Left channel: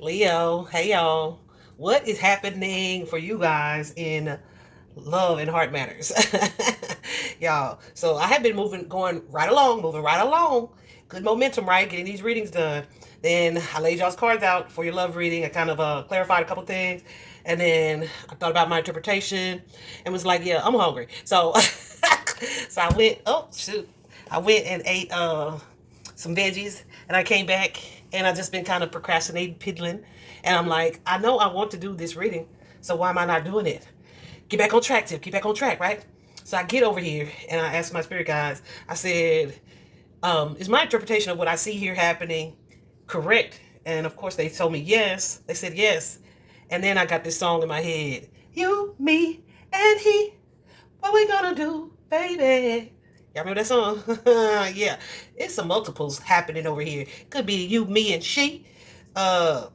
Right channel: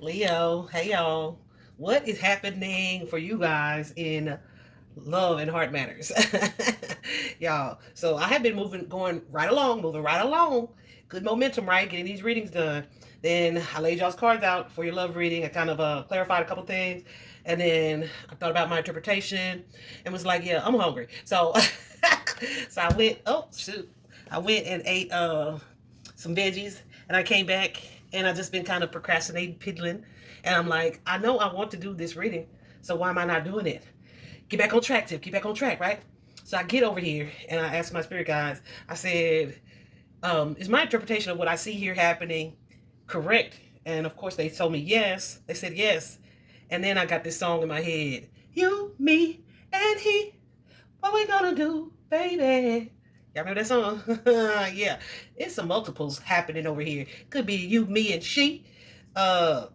Leo, hey y'all. What is happening for you guys in love and heart matters? Y'all. So I have been going right along, moving right along. Good momentum, right? Getting these readings done. Then I laid y'all's cards out for your love reading. I kind of clarified a couple things. And then I thought about my interpretation and was like, yeah, I'm hungry. So so I went, oh shoot. I went and ate some veggies, and I came back and I just been kind of procrastinating, piddling, and I'm like, I know I want to do this reading, so why am I not doing it? Get back on track, Tiff. Get back on track, right? So I get over here and I asked my spirit guides. I said, "Is my interpretation of what I see here happening correct?" And of course, they told me yes. They said yes, and then I got this song in my head: "You, me, and he. What we gonna do, baby?" Y'all remember that song? Yeah, it's some multiples happening over here. Could be you, me, and she. Uh,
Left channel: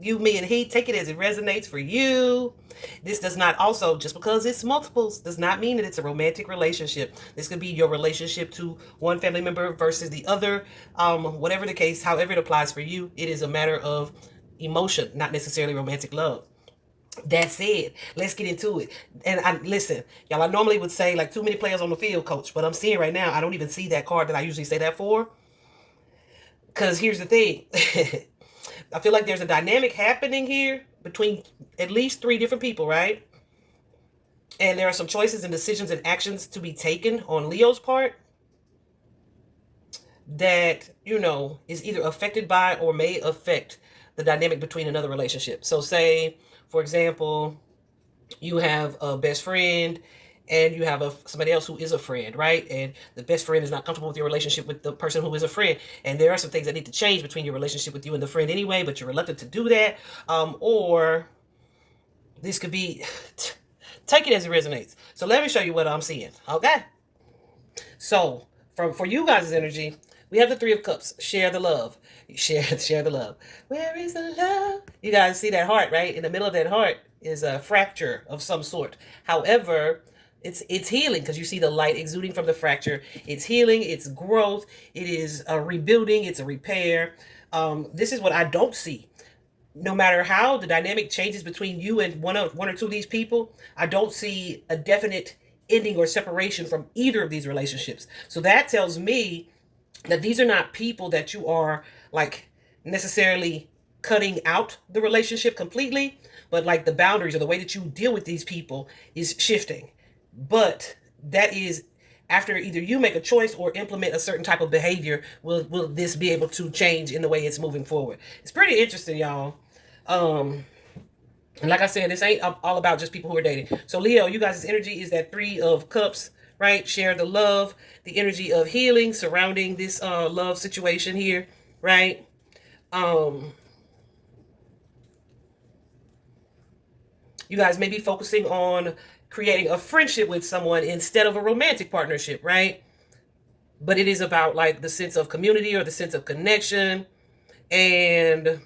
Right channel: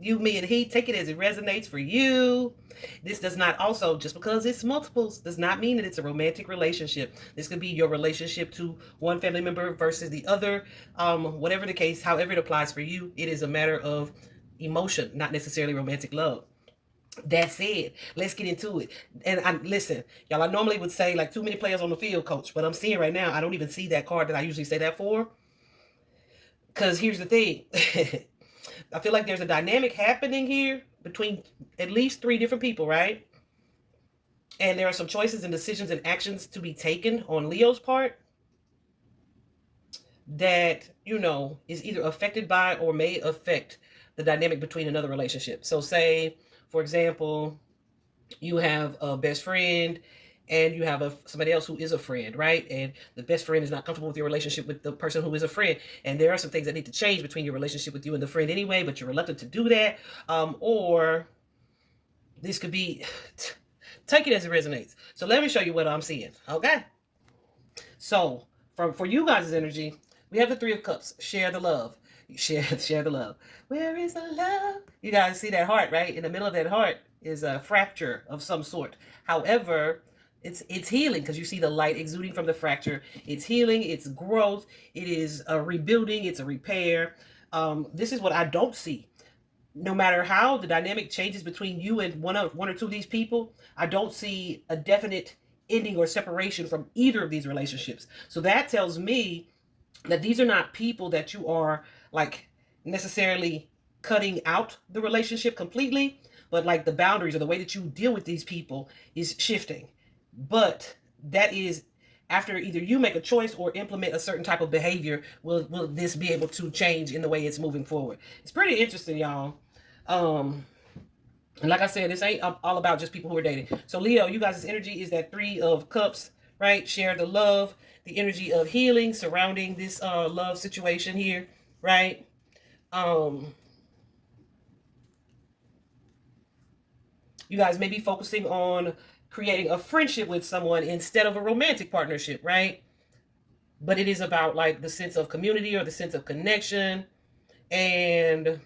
you, me, and he. Take it as it resonates for you. This does not also, just because it's multiples, does not mean that it's a romantic relationship. This could be your relationship to one family member versus the other. Whatever the case, however it applies for you, it is a matter of emotion, not necessarily romantic love. That said, let's get into it. And I listen, y'all. I normally would say like too many players on the field, coach. But I'm seeing right now, I don't even see that card that I usually say that for. Because here's the thing, I feel like there's a dynamic happening here between at least three different people, right? And there are some choices and decisions and actions to be taken on Leo's part that is either affected by or may affect the dynamic between another relationship. So, say, for example, you have a best friend and you have somebody else who is a friend, right? And the best friend is not comfortable with your relationship with the person who is a friend. And there are some things that need to change between your relationship with you and the friend anyway, but you're reluctant to do that. Or this could be, take it as it resonates. So let me show you what I'm seeing, okay? So for you guys' energy, we have the Three of Cups. Share the love. Share the love. Where is the love? You guys see that heart, right? In the middle of that heart is a fracture of some sort. However, it's healing because you see the light exuding from the fracture. It's healing. It's growth. It is a rebuilding. It's a repair. This is what I don't see. No matter how the dynamic changes between you and one or two of these people, I don't see a definite ending or separation from either of these relationships. So that tells me that these are not people that you are like necessarily cutting out the relationship completely, but like the boundaries or the way that you deal with these people is shifting. But that is after either you make a choice or implement a certain type of behavior, will this be able to change in the way it's moving forward. It's pretty interesting, y'all. um and like I said, this ain't all about just people who are dating. So Leo, you guys' energy is that Three of Cups, right? Share the love, the energy of healing surrounding this love situation here, right? um you guys may be focusing on creating a friendship with someone instead of a romantic partnership, right? But it is about like the sense of community or the sense of connection, and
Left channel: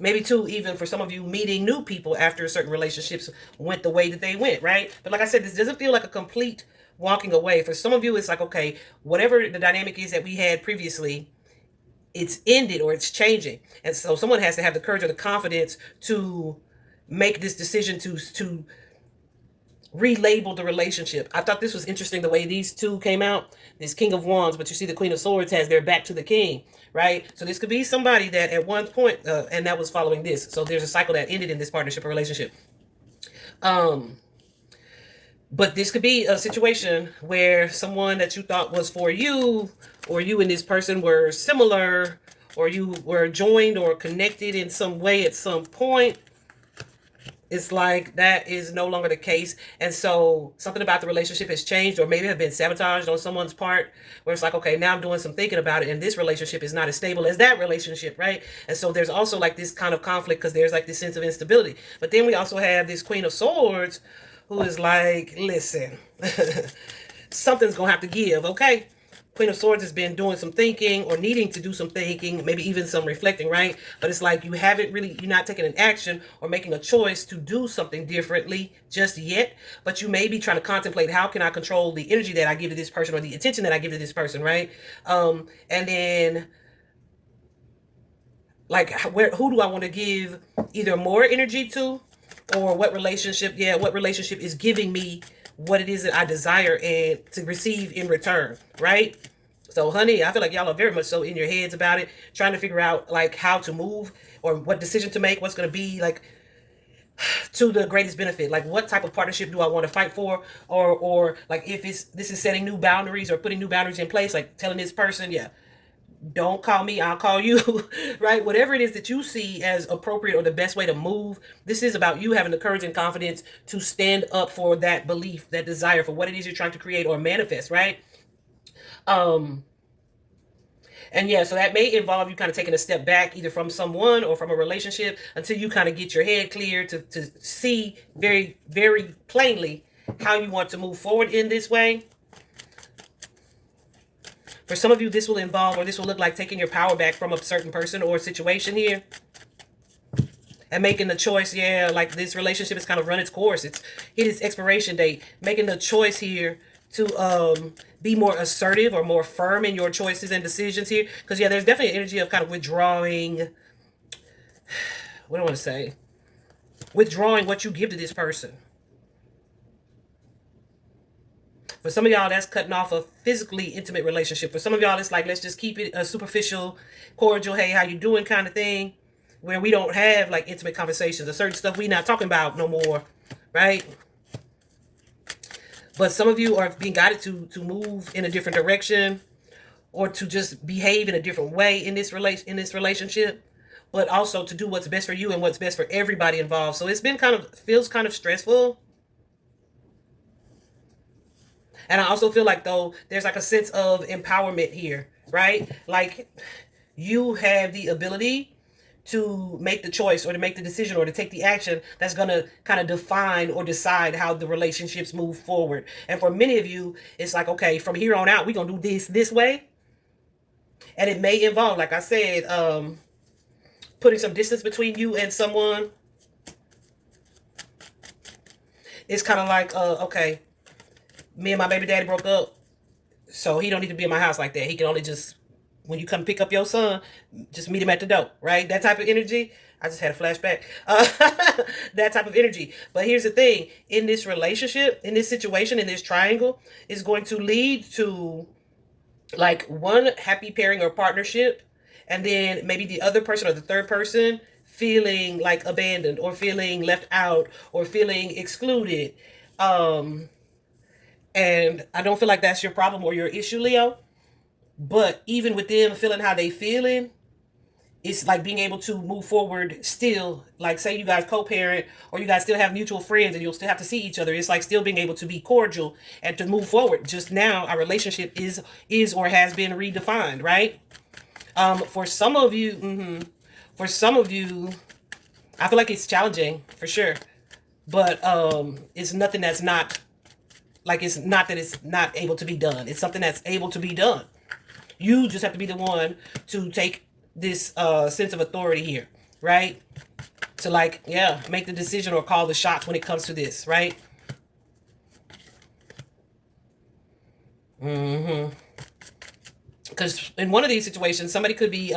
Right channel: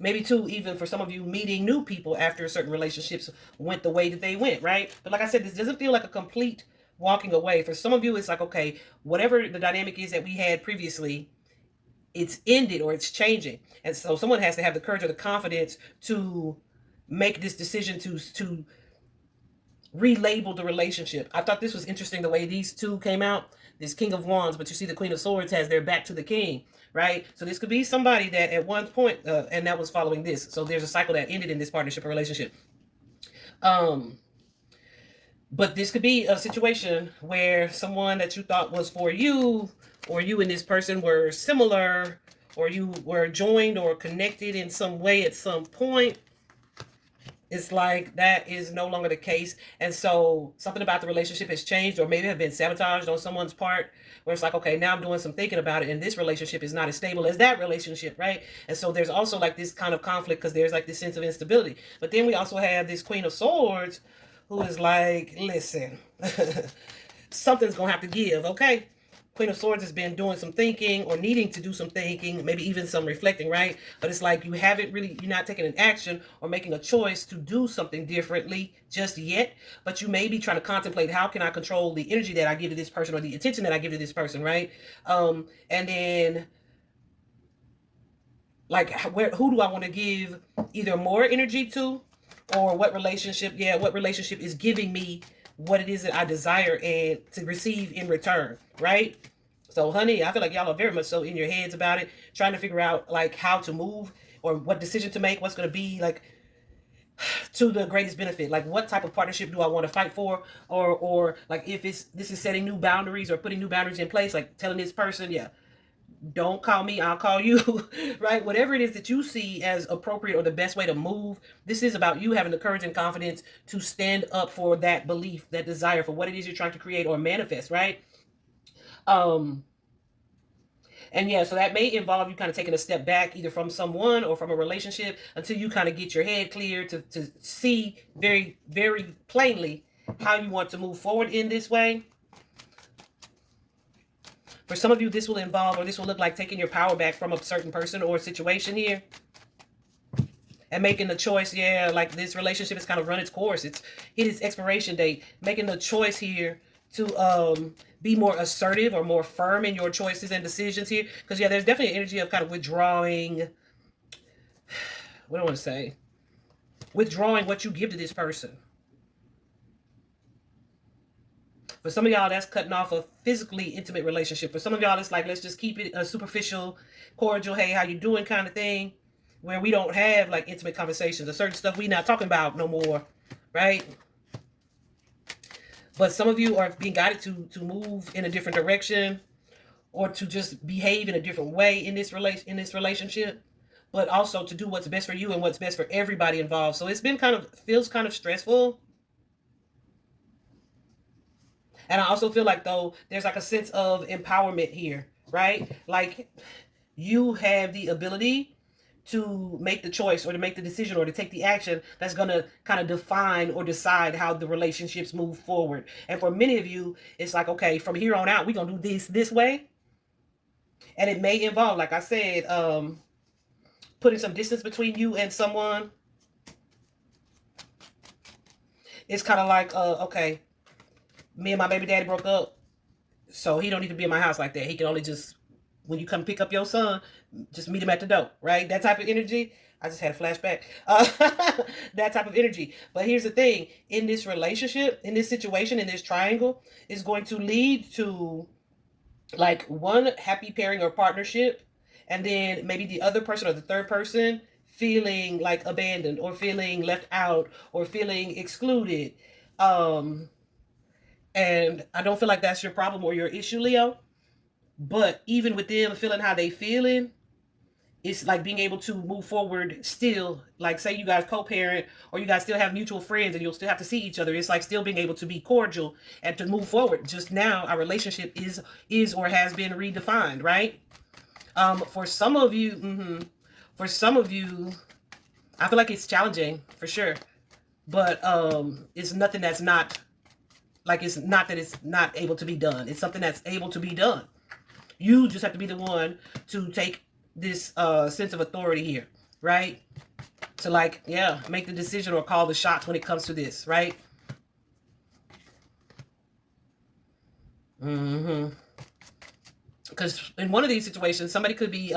maybe too, even for some of you, meeting new people after certain relationships went the way that they went, right? But like I said, this doesn't feel like a complete walking away. For some of you, it's like, okay, whatever the dynamic is that we had previously, it's ended or it's changing. And so someone has to have the courage or the confidence to make this decision to relabel the relationship. I thought this was interesting the way these two came out. This King of Wands, but you see the Queen of Swords has their back to the King, right? So this could be somebody that at one point, and that was following this. So there's a cycle that ended in this partnership or relationship. Um, but this could be a situation where someone that you thought was for you, or you and this person were similar, or you were joined or connected in some way at some point. It's like that is no longer the case. And so something about the relationship has changed, or maybe have been sabotaged on someone's part, where it's like, okay, now I'm doing some thinking about it, and this relationship is not as stable as that relationship, right? And so there's also like this kind of conflict because there's like this sense of instability. But then we also have this Queen of Swords who is like, listen, something's gonna have to give, okay? Queen of Swords has been doing some thinking or needing to do some thinking, maybe even some reflecting, right? But it's like you haven't really, you're not taking an action or making a choice to do something differently just yet. But you may be trying to contemplate, how can I control the energy that I give to this person or the attention that I give to this person, right? And then like who do I want to give either more energy to, or what relationship is giving me what it is that I desire and to receive in return, right? So honey, I feel like y'all are very much so in your heads about it, trying to figure out like how to move or what decision to make, what's going to be like to the greatest benefit. Like what type of partnership do I want to fight for, or like if this is setting new boundaries or putting new boundaries in place, like telling this person, yeah, don't call me, I'll call you, right? Whatever it is that you see as appropriate or the best way to move, this is about you having the courage and confidence to stand up for that belief, that desire for what it is you're trying to create or manifest, right? Um, and yeah, so that may involve you kind of taking a step back either from someone or from a relationship until you kind of get your head clear to see very, very plainly how you want to move forward in this way. For some of you, this will involve, or this will look like taking your power back from a certain person or situation here and making the choice, yeah, like this relationship has kind of run its course. It's hit its expiration date. Making the choice here to be more assertive or more firm in your choices and decisions here. Because, yeah, there's definitely an energy of kind of withdrawing, what do I want to say? Withdrawing what you give to this person. For some of y'all, that's cutting off a physically intimate relationship. For some of y'all, it's like, let's just keep it a superficial, cordial, hey, how you doing kind of thing, where we don't have like intimate conversations or certain stuff we not talking about no more, right? But some of you are being guided to move in a different direction or to just behave in a different way in this relationship, but also to do what's best for you and what's best for everybody involved. So it's been feels kind of stressful. And I also feel like, though, there's like a sense of empowerment here, right? Like you have the ability to make the choice or to make the decision or to take the action that's going to kind of define or decide how the relationships move forward. And for many of you, it's like, okay, from here on out, we're going to do this way. And it may involve, like I said, putting some distance between you and someone. It's kind of like, okay, me and my baby daddy broke up, so he don't need to be in my house like that. He can only just, when you come pick up your son, just meet him at the door, right? That type of energy. I just had a flashback. That type of energy. But here's the thing. In this relationship, in this situation, in this triangle, is going to lead to like one happy pairing or partnership, and then maybe the other person or the third person feeling like abandoned or feeling left out or feeling excluded. And I don't feel like that's your problem or your issue, Leo. But even with them feeling how they feeling, it's like being able to move forward still. Like say you guys co-parent or you guys still have mutual friends and you'll still have to see each other. It's like still being able to be cordial and to move forward. Just now our relationship is or has been redefined, right? For some of you, I feel like it's challenging for sure. But it's nothing that's not, like it's not that it's not able to be done. It's something that's able to be done. You just have to be the one to take this sense of authority here, right? To like, yeah, make the decision or call the shots when it comes to this, right? Because in one of these situations, somebody could be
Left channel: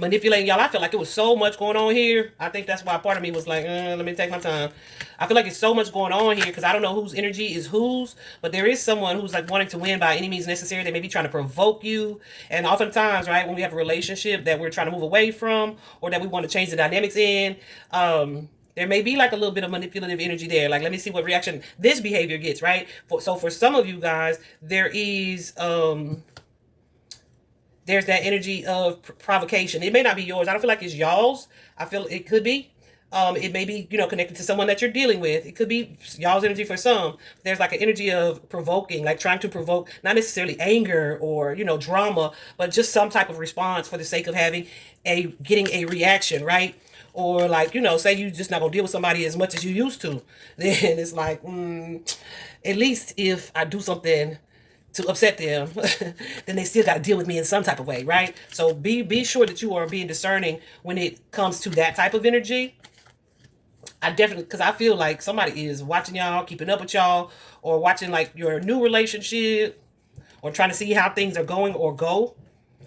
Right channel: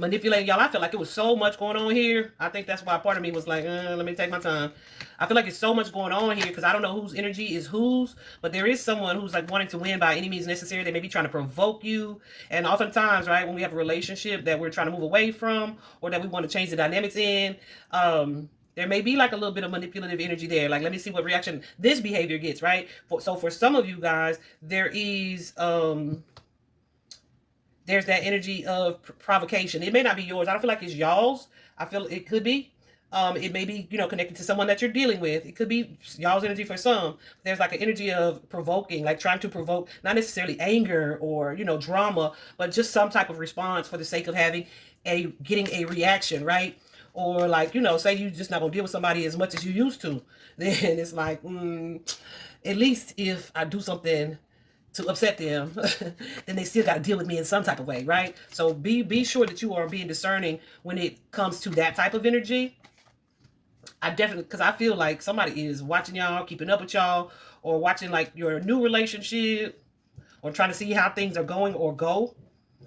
manipulating y'all. I feel like it was so much going on here. I think that's why part of me was like, let me take my time. I feel like it's so much going on here because I don't know whose energy is whose, but there is someone who's like wanting to win by any means necessary. They may be trying to provoke you. And oftentimes, right, when we have a relationship that we're trying to move away from or that we want to change the dynamics in, there may be like a little bit of manipulative energy there. Like, let me see what reaction this behavior gets, right? So for some of you guys, there is... there's that energy of provocation. It may not be yours. I don't feel like it's y'all's. I feel it could be. It may be, connected to someone that you're dealing with. It could be y'all's energy for some. There's like an energy of provoking, like trying to provoke, not necessarily anger or, drama, but just some type of response for the sake of getting a reaction, right? Or like, say you just not gonna deal with somebody as much as you used to. Then it's like, at least if I do something to upset them, then they still got to deal with me in some type of way, right? So be sure that you are being discerning when it comes to that type of energy. I definitely, because I feel like somebody is watching y'all, keeping up with y'all, or watching like your new relationship, or trying to see how things are going or go.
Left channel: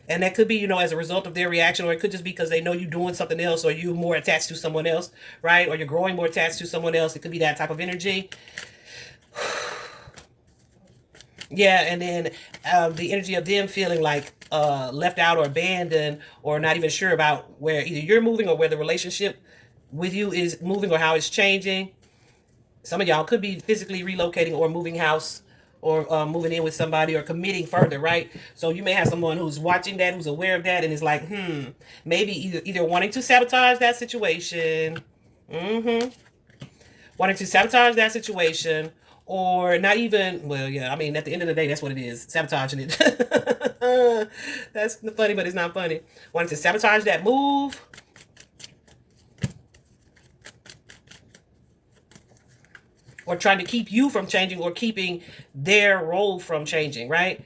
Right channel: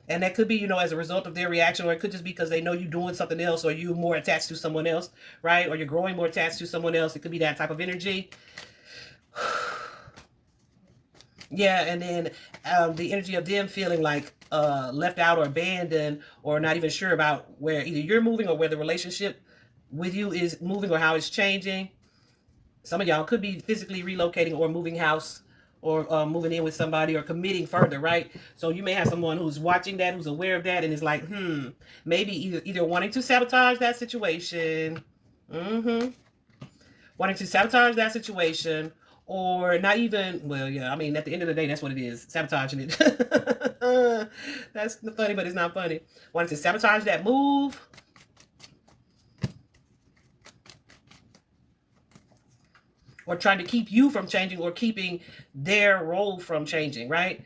And that could be, as a result of their reaction, or it could just be because they know you're doing something else, or you're more attached to someone else, right? Or you're growing more attached to someone else. It could be that type of energy. Yeah, and then the energy of them feeling like left out or abandoned, or not even sure about where either you're moving or where the relationship with you is moving or how it's changing. Some of y'all could be physically relocating or moving house, or moving in with somebody, or committing further, right? So you may have someone who's watching that, who's aware of that, and is like, maybe either wanting to sabotage that situation, mm-hmm, wanting to sabotage that situation, or not even, well, yeah, I mean, at the end of the day, that's what it is, sabotaging it. That's funny, but it's not funny. Wanting to sabotage that move, or trying to keep you from changing, or keeping their role from changing, right?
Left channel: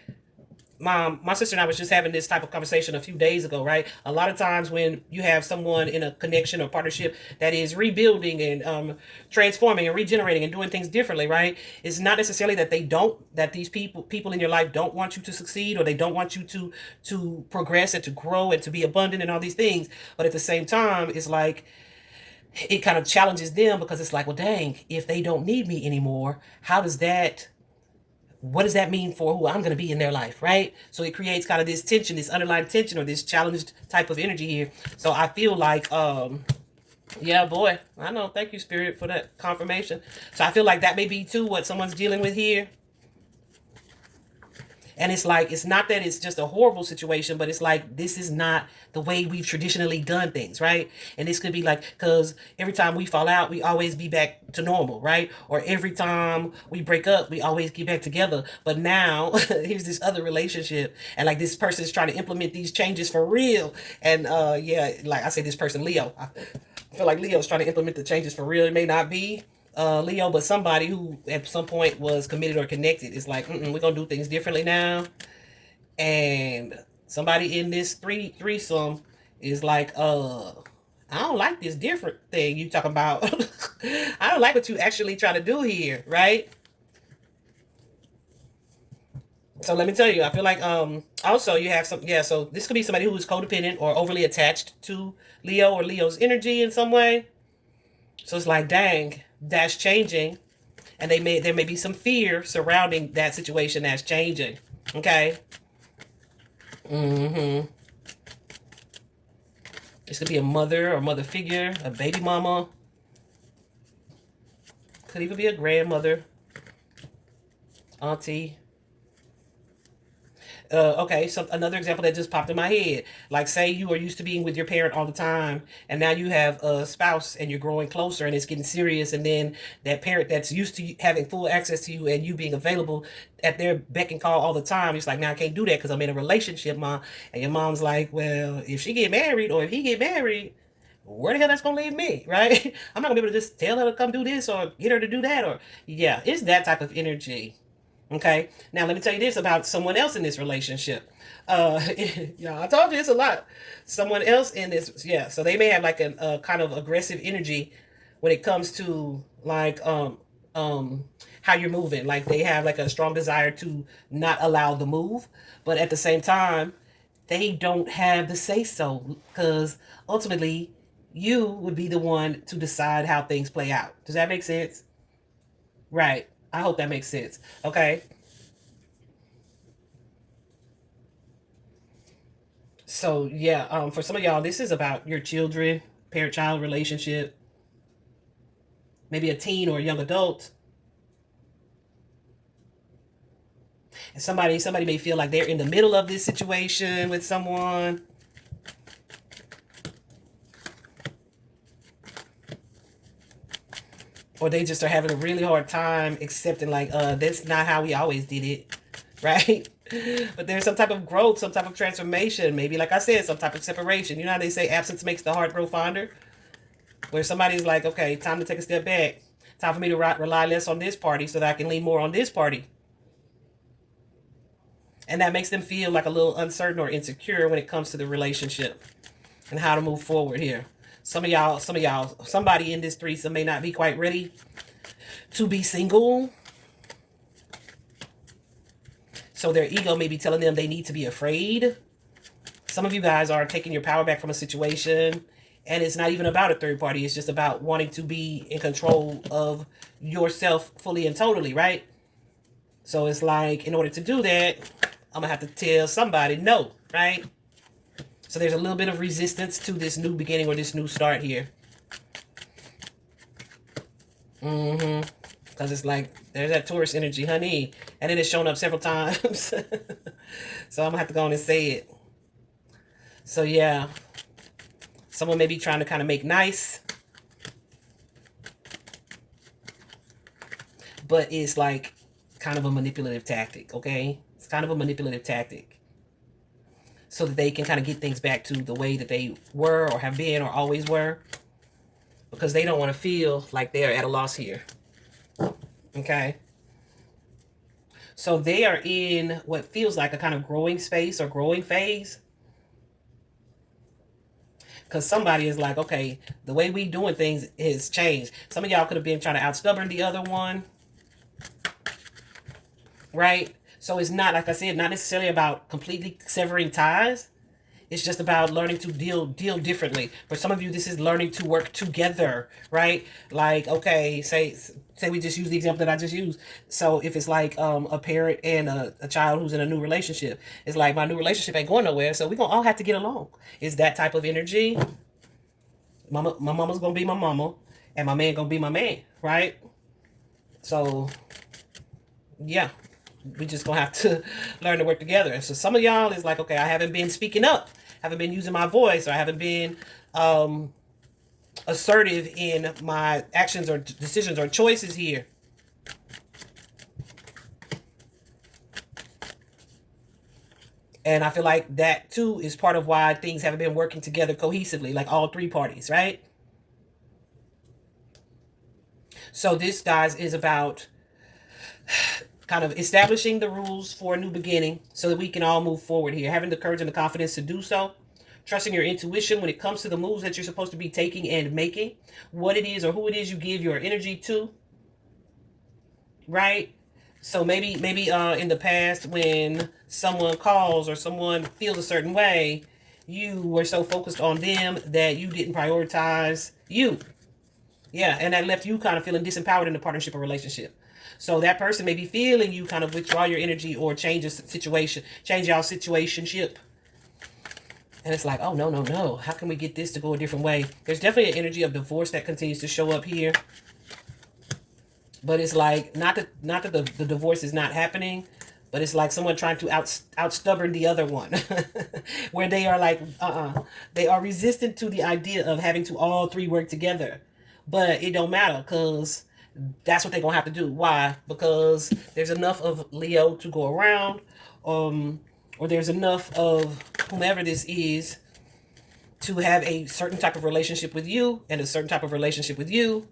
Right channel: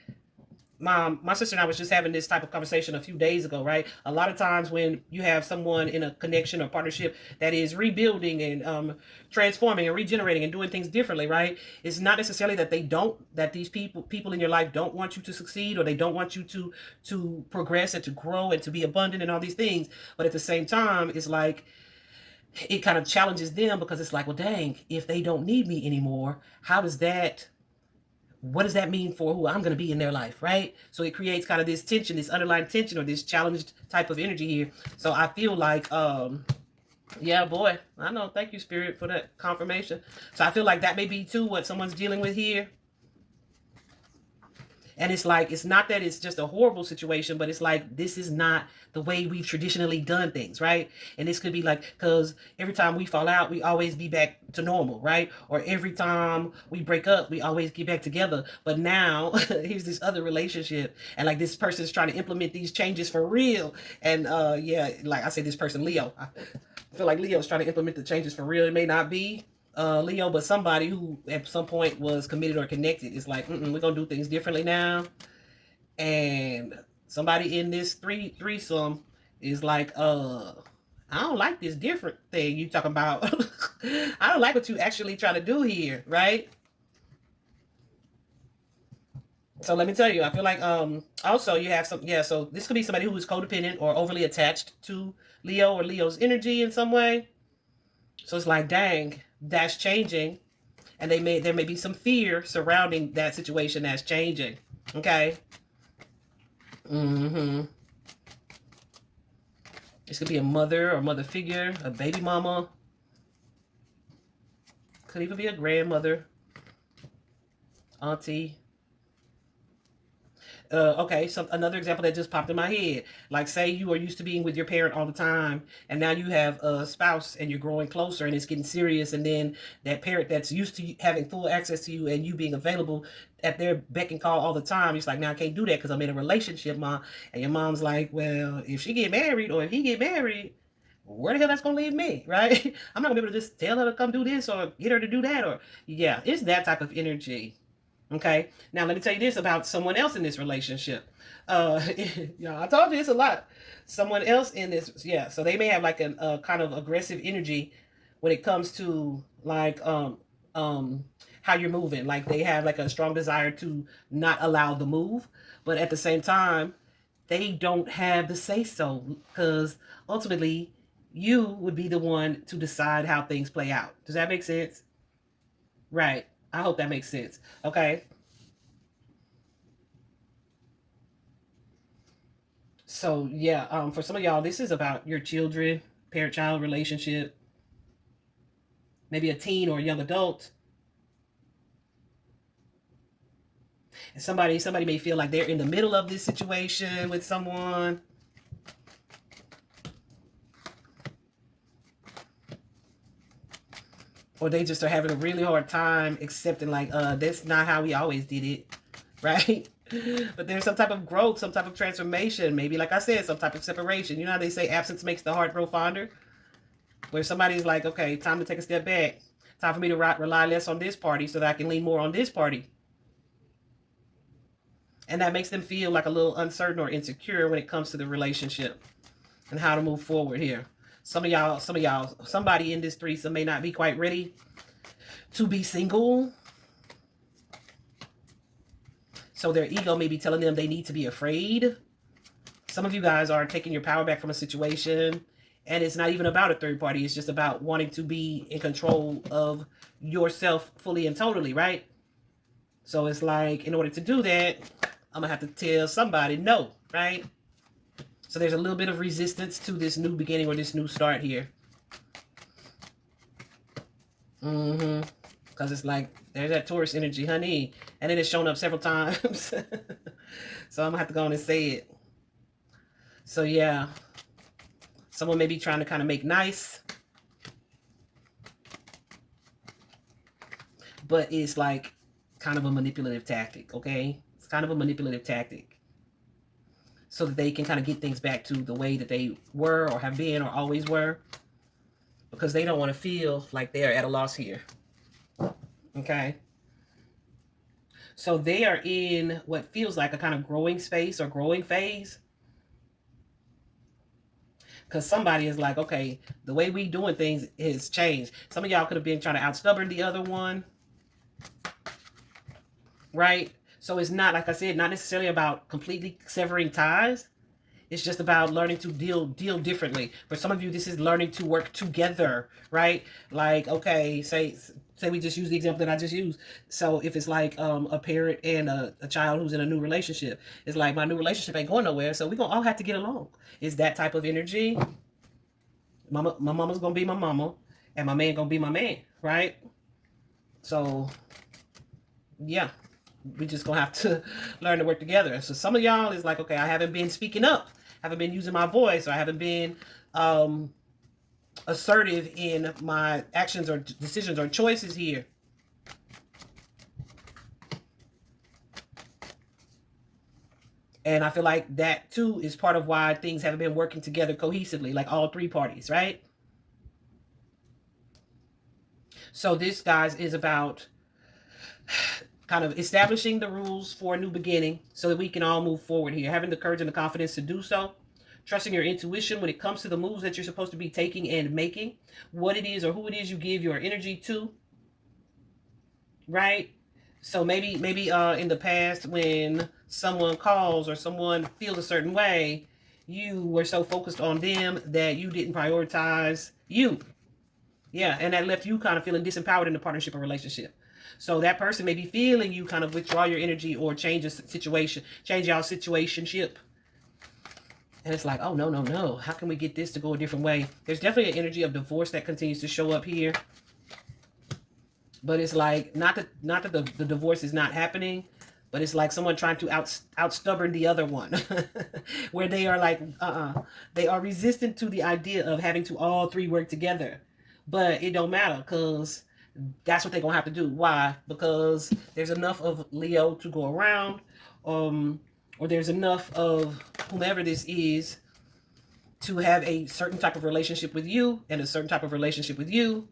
My sister and I was just having this type of conversation a few days ago, right? A lot of times when you have someone in a connection or partnership that is rebuilding and transforming and regenerating and doing things differently, right? It's not necessarily that that these people in your life don't want you to succeed, or they don't want you to progress and to grow and to be abundant and all these things. But at the same time, it's like, it kind of challenges them, because it's like, well, dang, if they don't need me anymore, what does that mean for who I'm going to be in their life, right? So it creates kind of this tension, this underlying tension, or this challenged type of energy here. So I feel like, yeah, boy, I know. Thank you, Spirit, for that confirmation. So I feel like that may be too what someone's dealing with here. And it's like, it's not that it's just a horrible situation, but it's like, this is not the way we've traditionally done things, right? And this could be like, because every time we fall out, we always be back to normal, right? Or every time we break up, we always get back together. But now, here's this other relationship, and like, this person is trying to implement these changes for real. And yeah, like I say, this person, Leo, I feel like Leo is trying to implement the changes for real. It may not be Leo, but somebody who at some point was committed or connected. It's like, we're gonna do things differently now. And somebody in this threesome is like, I don't like this different thing you talking about. I don't like what you actually trying to do here, right? So let me tell you, I feel like also you have some, yeah, so this could be somebody who is codependent or overly attached to Leo or Leo's energy in some way. So it's like, dang, that's changing. And there may be some fear surrounding that situation that's changing. Okay. This could be a mother or mother figure, a baby mama. Could even be a grandmother, auntie. Okay, so another example that just popped in my head. Like, say you are used to being with your parent all the time, and now you have a spouse and you're growing closer and it's getting serious, and then that parent that's used to having full access to you and you being available at their beck and call all the time, it's like, now I can't do that because I'm in a relationship, mom. And your mom's like, well, if she get married or if he get married, where the hell that's gonna leave me, right? I'm not gonna be able to just tell her to come do this or get her to do that, or yeah, it's that type of energy. Okay. Now let me tell you this about someone else in this relationship. Yeah, I told you it's a lot. Someone else in this, yeah. So they may have like a kind of aggressive energy when it comes to like how you're moving. Like, they have like a strong desire to not allow the move, but at the same time, they don't have the say so, because ultimately you would be the one to decide how things play out. Does that make sense? Right. I hope that makes sense. Okay. So yeah, for some of y'all, this is about your children, parent-child relationship, maybe a teen or a young adult. And somebody may feel like they're in the middle of this situation with someone. Or they just are having a really hard time accepting, like, that's not how we always did it, right? But there's some type of growth, some type of transformation, maybe, like I said, some type of separation. You know how they say absence makes the heart grow fonder? Where somebody's like, okay, time to take a step back. Time for me to rely less on this party so that I can lean more on this party. And that makes them feel like a little uncertain or insecure when it comes to the relationship and how to move forward here. Some of y'all, somebody in this threesome may not be quite ready to be single. So their ego may be telling them they need to be afraid. Some of you guys are taking your power back from a situation, and it's not even about a third party. It's just about wanting to be in control of yourself fully and totally, right? So it's like, in order to do that, I'm going to have to tell somebody no, right? So there's a little bit of resistance to this new beginning or this new start here. Because it's like, there's that Taurus energy, honey. And it has shown up several times. So I'm going to have to go on and say it. So yeah, someone may be trying to kind of make nice, but it's like kind of a manipulative tactic, okay? It's kind of a manipulative tactic so that they can kind of get things back to the way that they were or have been or always were, because they don't want to feel like they're at a loss here, okay? So they are in what feels like a kind of growing space or growing phase. Because somebody is like, okay, the way we doing things has changed. Some of y'all could have been trying to out-stubborn the other one. Right? So it's not, like I said, not necessarily about completely severing ties. It's just about learning to deal differently. For some of you, this is learning to work together, right? Like, okay, say we just use the example that I just used. So if it's like a parent and a child who's in a new relationship, it's like, my new relationship ain't going nowhere, so we're going to all have to get along. It's that type of energy. My mama's going to be my mama, and my man going to be my man, right? So, yeah. We just going to have to learn to work together. So some of y'all is like, okay, I haven't been speaking up. Haven't been using my voice, or I haven't been assertive in my actions or decisions or choices here. And I feel like that too is part of why things haven't been working together cohesively, like all three parties, right? So this, guys, is about kind of establishing the rules for a new beginning so that we can all move forward here. Having the courage and the confidence to do so. Trusting your intuition when it comes to the moves that you're supposed to be taking and making. What it is or who it is you give your energy to. Right? So maybe in the past, when someone calls or someone feels a certain way, you were so focused on them that you didn't prioritize you. Yeah, and that left you kind of feeling disempowered in the partnership or relationship. So that person may be feeling you kind of withdraw your energy or change your situation, change y'all situationship. And it's like, oh, no. How can we get this to go a different way? There's definitely an energy of divorce that continues to show up here. But it's like, not that the divorce is not happening, but it's like someone trying to out-stubborn the other one. Where they are like, they are resistant to the idea of having to all three work together. But it don't matter, because that's what they're going to have to do. Why? Because there's enough of Leo to go around, or there's enough of whomever this is to have a certain type of relationship with you and a certain type of relationship with you.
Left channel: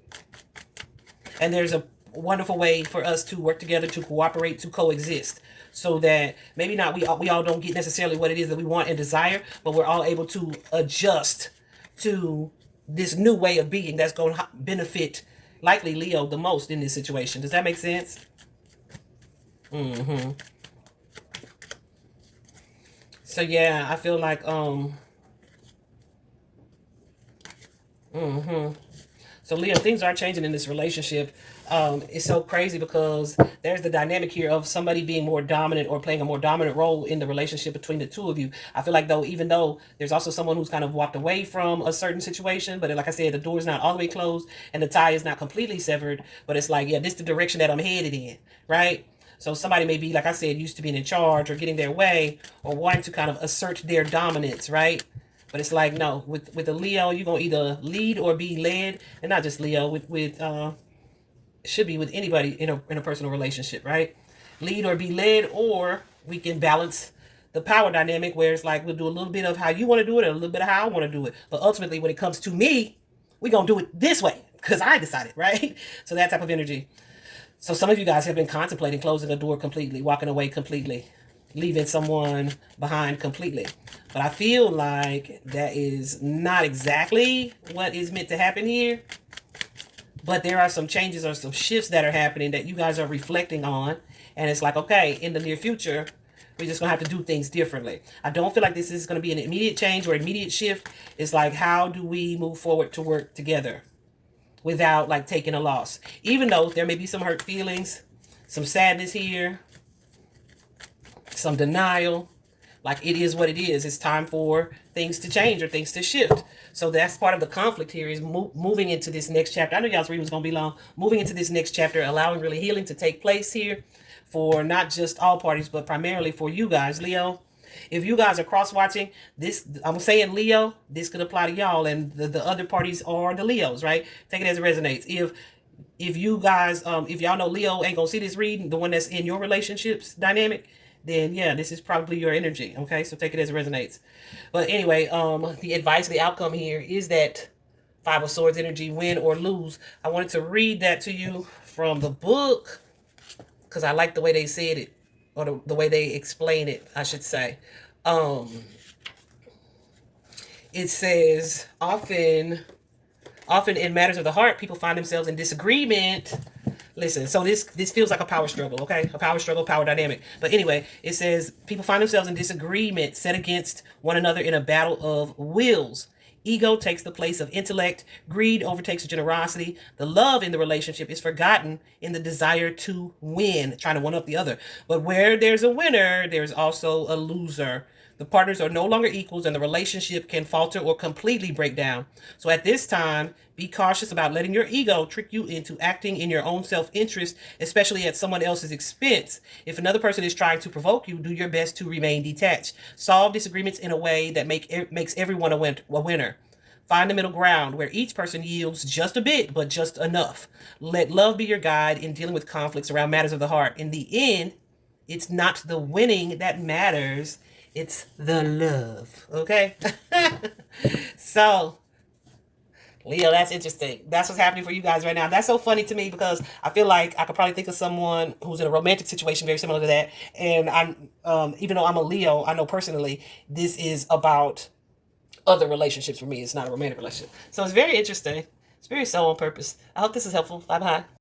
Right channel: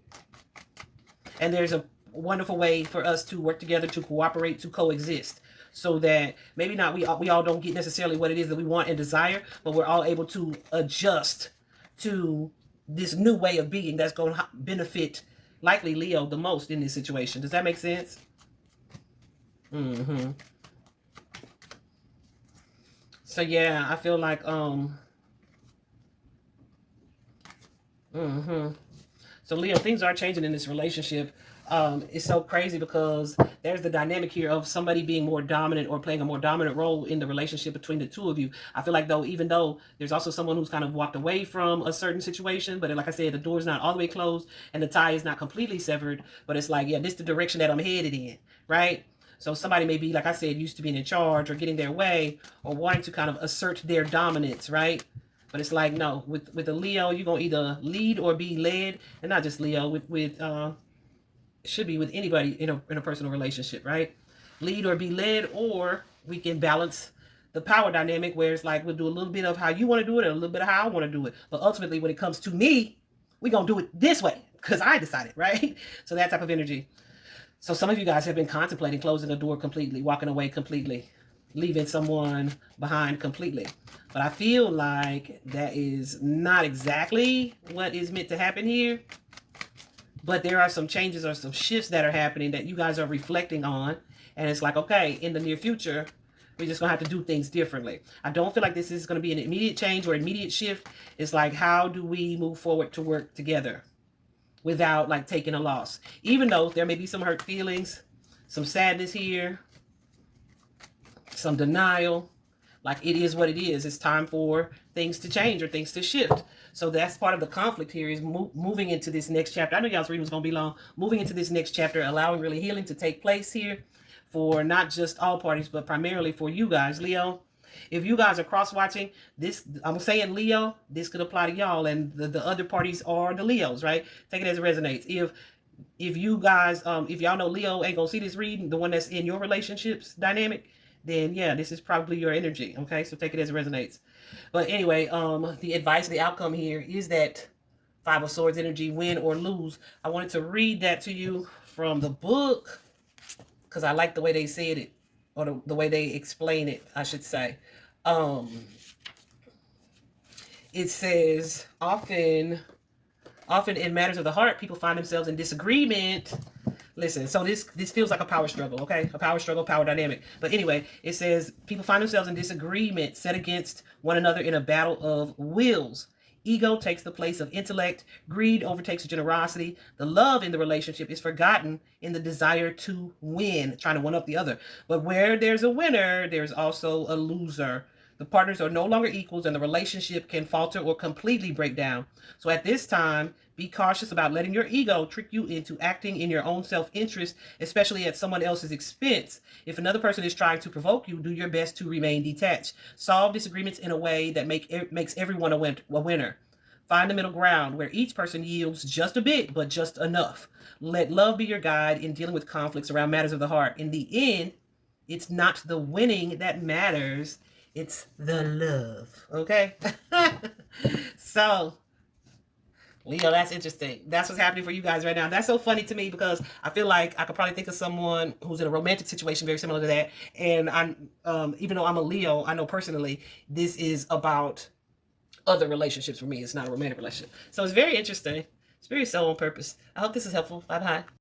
And there's a wonderful way for us to work together, to cooperate, to coexist, so that maybe not we all don't get necessarily what it is that we want and desire, but we're all able to adjust to this new way of being that's going to benefit likely Leo the most in this situation. Does that make sense? So yeah, I feel like so Leo, things are changing in this relationship. It's so crazy because there's the dynamic here of somebody being more dominant or playing a more dominant role in the relationship between the two of you. I feel like, though, even though there's also someone who's kind of walked away from a certain situation, but like I said, the door is not all the way closed and the tie is not completely severed, but it's like, yeah, this is the direction that I'm headed in, right? So somebody may be, like I said, used to being in charge or getting their way or wanting to kind of assert their dominance, right? But it's like, no, with a Leo, you're going to either lead or be led. And not just Leo, should be with anybody in a personal relationship, right? Lead or be led, or we can balance the power dynamic where it's like, we'll do a little bit of how you want to do it and a little bit of how I want to do it. But ultimately, when it comes to me, we're going to do it this way because I decided, right? So that type of energy. So some of you guys have been contemplating closing the door completely, walking away completely, leaving someone behind completely. But I feel like that is not exactly what is meant to happen here. But there are some changes or some shifts that are happening that you guys are reflecting on. And it's like, okay, in the near future, We're just going to have to do things differently. I don't feel like this is going to be an immediate change or immediate shift. It's like, how do we move forward to work together without like taking a loss? Even though there may be some hurt feelings, some sadness here, some denial. Like, it is what it is. It's time for things to change or things to shift. So that's part of the conflict here, is moving into this next chapter. I knew y'all's reading was going to be long. Moving into this next chapter, allowing really healing to take place here for not just all parties, but primarily for you guys, Leo. If you guys are cross-watching, this, I'm saying Leo, this could apply to y'all, and the other parties are the Leos, right? Take it as it resonates. If you guys, if y'all know Leo ain't gonna see this reading, the one that's in your relationships dynamic, then yeah, this is probably your energy, okay? So take it as it resonates. But anyway, the advice, the outcome here is that Five of Swords energy, win or lose. I wanted to read that to you from the book because I like the way they said it, or the way they explain it, I should say. It says, often in matters of the heart, people find themselves in disagreement. Listen, so this feels like a power struggle, okay? A power struggle, power dynamic. But anyway, it says people find themselves in disagreement, set against one another in a battle of wills. Ego takes the place of intellect. Greed overtakes generosity. The love in the relationship is forgotten in the desire to win, trying to one up the other. But where there's a winner, there's also a loser. The partners are no longer equals, and the relationship can falter or completely break down. So at this time, be cautious about letting your ego trick you into acting in your own self-interest, especially at someone else's expense. If another person is trying to provoke you, do your best to remain detached. Solve disagreements in a way that makes everyone a winner. Find the middle ground where each person yields just a bit, but just enough. Let love be your guide in dealing with conflicts around matters of the heart. In the end, it's not the winning that matters. It's the love, okay? So, Leo, that's interesting. That's what's happening for you guys right now. That's so funny to me because I feel like I could probably think of someone who's in a romantic situation very similar to that. And I'm, even though I'm a Leo, I know personally this is about other relationships for me. It's not a romantic relationship. So it's very interesting. It's very so on purpose. I hope this is helpful. Bye-bye.